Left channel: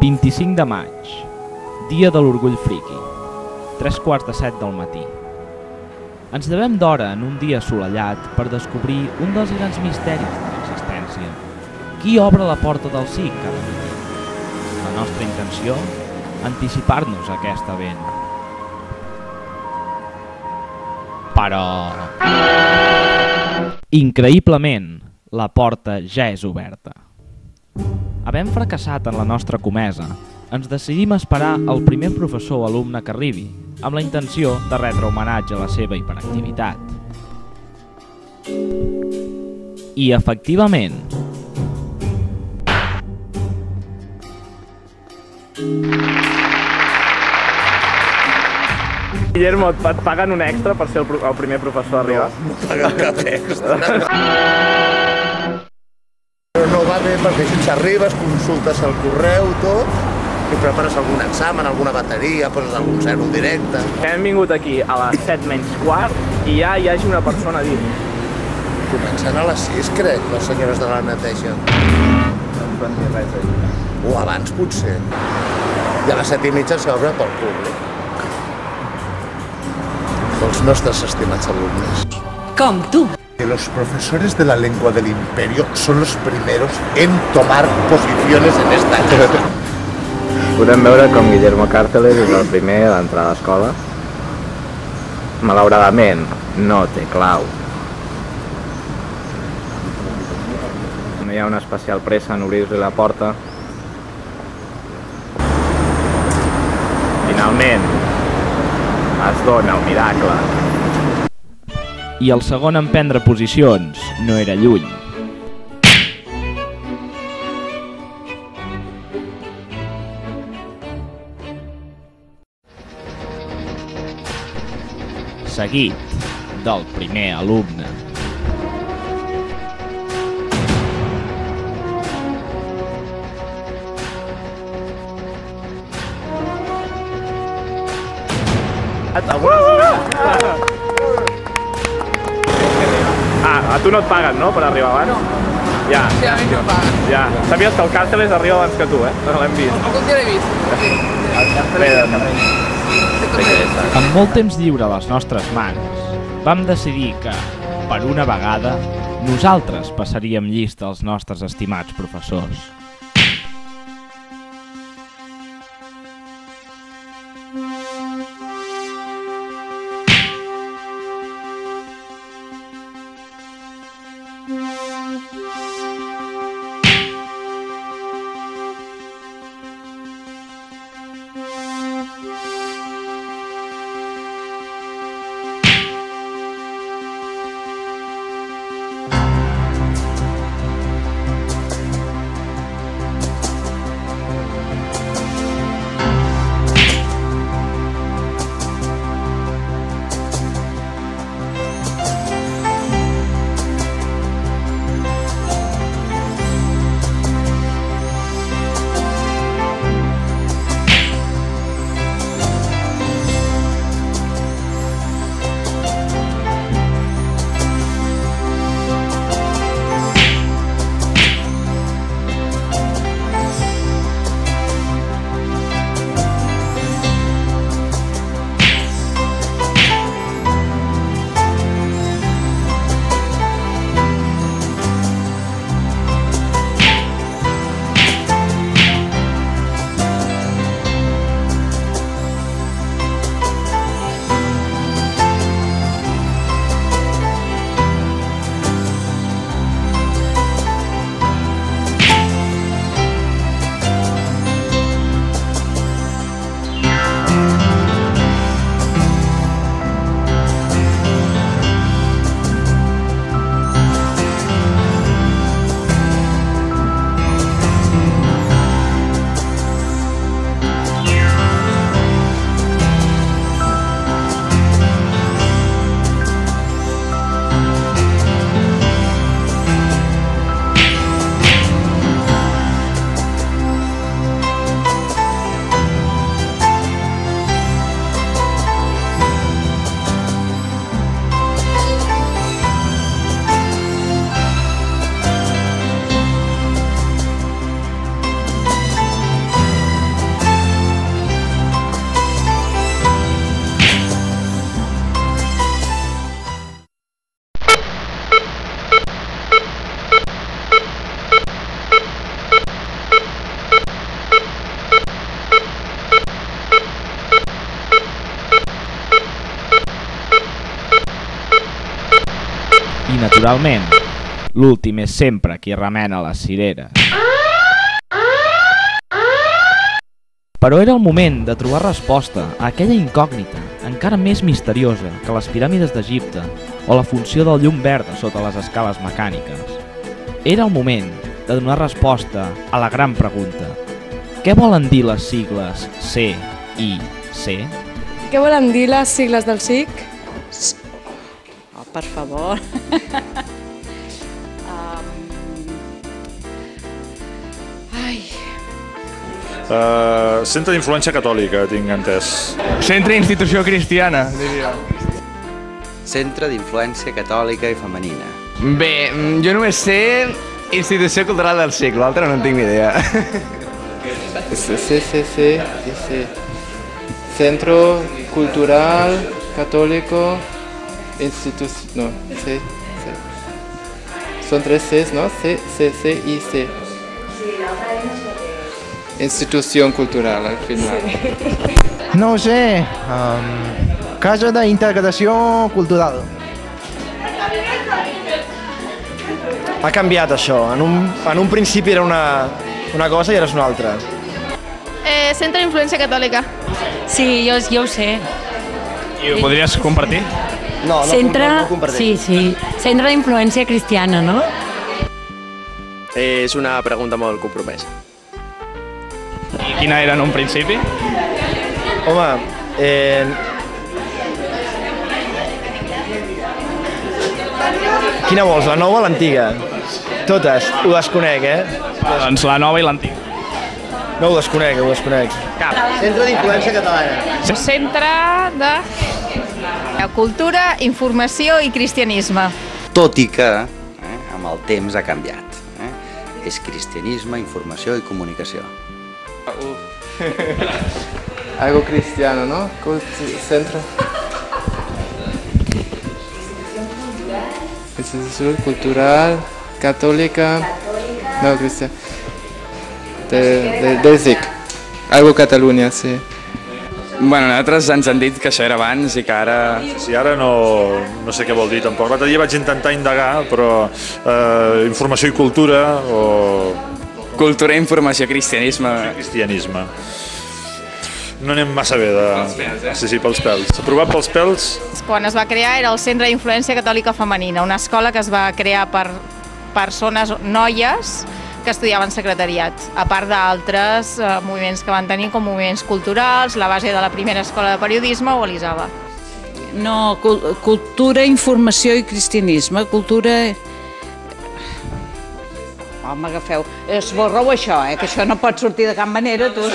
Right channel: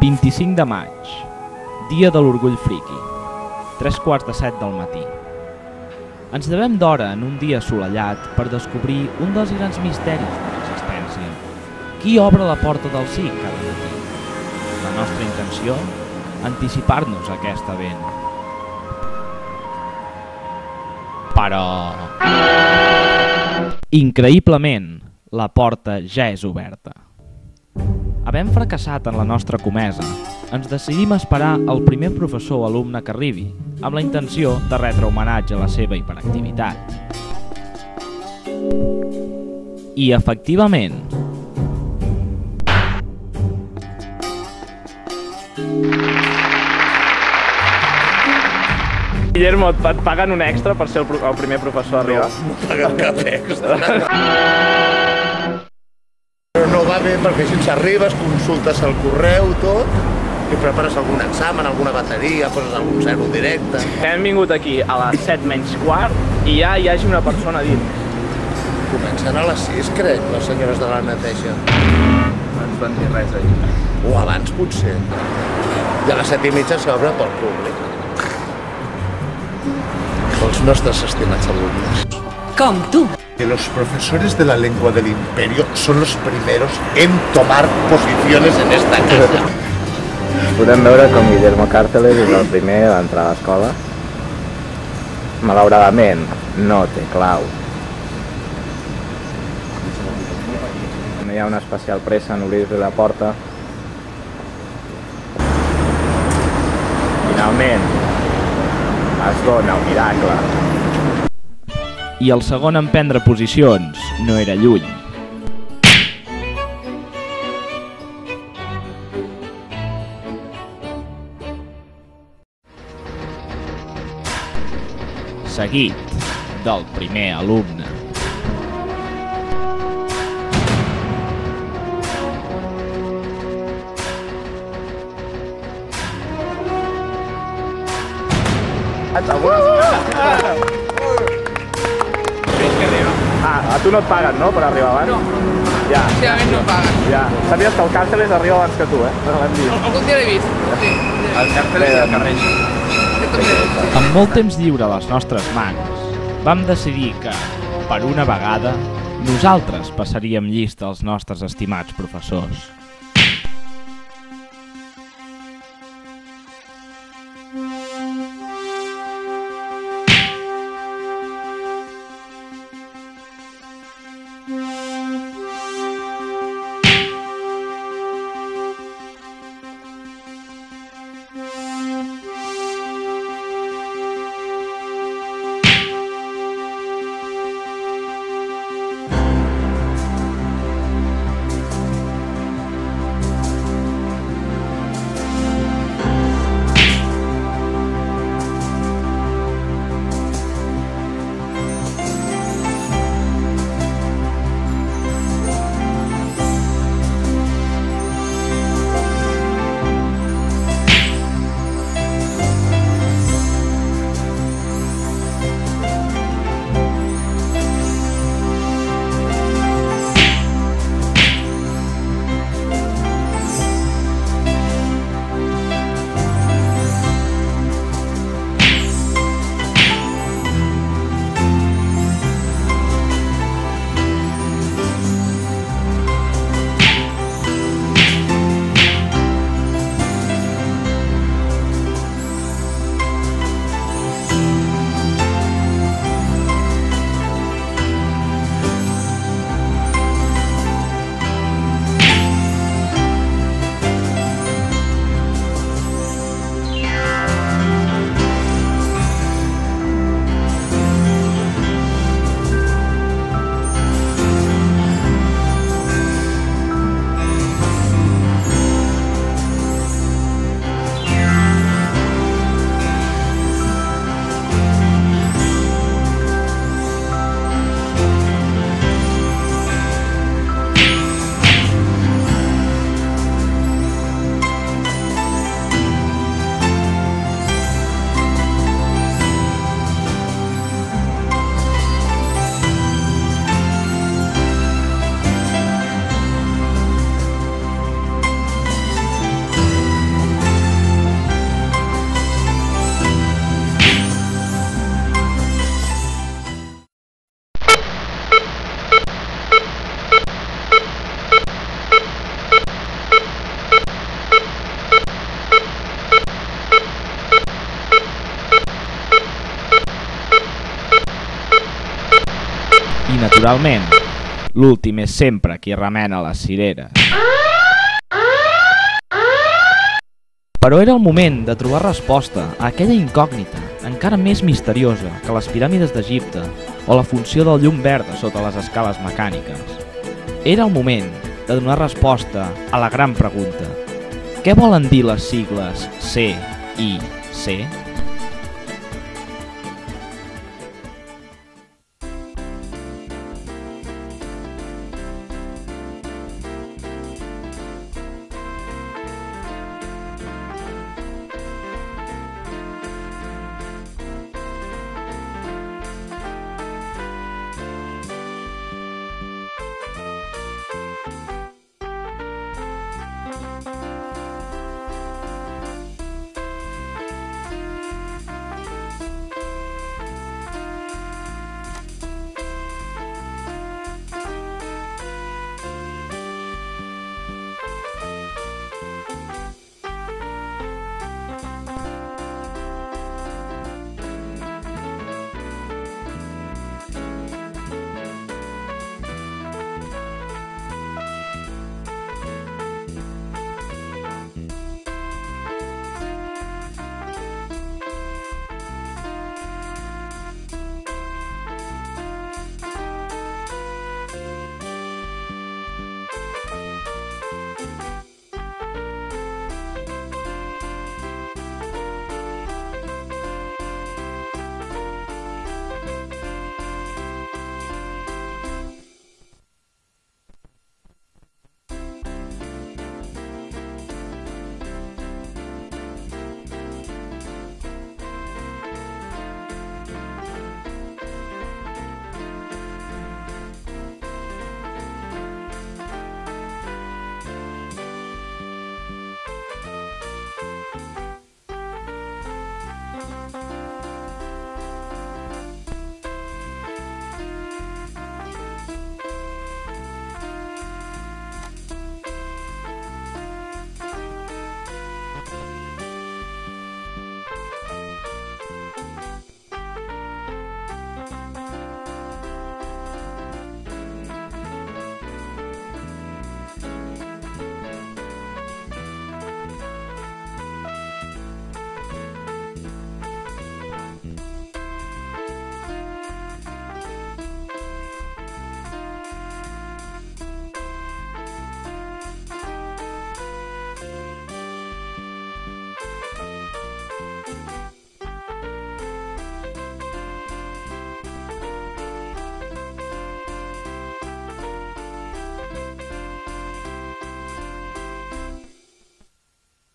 25 de maig, dia de l'orgull friqui, 3:45 del matí. Ens llevem d'hora en un dia assolellat per descobrir un dels grans misteris de l'existència. Qui obre la porta del SIC cada matí? La nostra intenció? Anticipar-nos a aquest event. Però... increïblement, la porta ja és oberta. Havent fracassat en la nostra comesa, ens decidim a esperar el primer professor o alumne que arribi, amb la intenció de retre homenatge a la seva hiperactivitat. I efectivament... Guillermo, et paguen un extra per ser el primer professor a arribar? No paguen cap extra. Però no va bé perquè si arribes, consultes el correu, tot, i prepares algun examen, alguna bateria, poses algun zero directe. Hem vingut aquí a les 7:15 i ja hi hagi una persona dins. Comencen a les 6, crec, les senyores de la neteja. No ens van dir res allà. O abans, potser. I a les 7:30 s'obre pel públic. Pels nostres estimats alumnes. Com tu. Que los profesores de la lengua del imperio son los primeros en tomar posiciones en esta casa. Podem veure com Guillermo Cárteles és el primer a entrar a l'escola. Malauradament, no té clau. No hi ha una especial pressa en obrir-li la porta. Finalment, es dona el miracle. I el segon en prendre posicions no era lluny. Seguit del primer alumne. A tu no et paguen, no?, per arribar abans? No. Ja. Sí, a mi no em paguen. Ja. Sabies que el Cárteles arriba abans que tu, eh? L'hem vist. Algun dia l'he vist. Sí. El Cárteles... Amb molt temps lliure a les nostres mans, vam decidir que, per una vegada, nosaltres passaríem llista als nostres estimats professors. I, naturalment, l'últim és sempre qui remena les cireres. Però era el moment de trobar resposta a aquella incògnita, encara més misteriosa que les piràmides d'Egipte o la funció del llum verd sota les escales mecàniques. Era el moment de donar resposta a la gran pregunta: què volen dir les sigles C i C? Què volen dir les sigles del SIC? Oh, per favor. Centre d'influència catòlica, tinc entès. Centre d'institució cristiana, diria. Centre d'influència catòlica i femenina. Bé, jo només sé institució cultural del SIC, l'altre no en tinc ni idea. CCC, Centro Cultural Católico Institución, no, C. Son tres Cs, ¿no? C, C y C. Institución cultural, al final. No ho sé, Casa d'Integració Cultural. Ha canviat això, en un principi era una cosa i ara és una altra. Centre d'Influència Catòlica. Sí, jo ho sé. I ho podries compartir? No compartir. Sí. Centre d'Influència Cristiana, no? És una pregunta molt compromesa. I quina era en un principi? Home, quina vols, la nova o l'antiga? Totes, ho desconec, Doncs la nova i l'antiga. No, ho desconec. Cap. Centre d'Influència Catalana. Centre de Cultura, Informació i Cristianisme. Tot i que amb el temps ha canviat. És cristianisme, informació i comunicació. Algo cristiano, ¿no? Centro. Institución Cultural Católica. No, cristiano. Del SIC. Algo Catalunya, sí. Bueno, nosaltres ens han dit que això era abans i que ara... Sí, ara no sé què vol dir tampoc. L'altre dia vaig intentar indagar, però informació i cultura o... Cultura, informació, cristianisme... Cristianisme. No anem massa bé de... Sí, pels pèls. Aprovat pels pèls? Quan es va crear era el Centre d'Influència Catòlica Femenina, una escola que es va crear per persones, noies, que estudiaven secretariat, a part d'altres moviments que van tenir, com moviments culturals, la base de la primera escola de periodisme o Elisava. No, cultura, informació i cristianisme. Cultura... Oh, m'agafeu. Esborreu això, que això no pot sortir de cap manera, tu.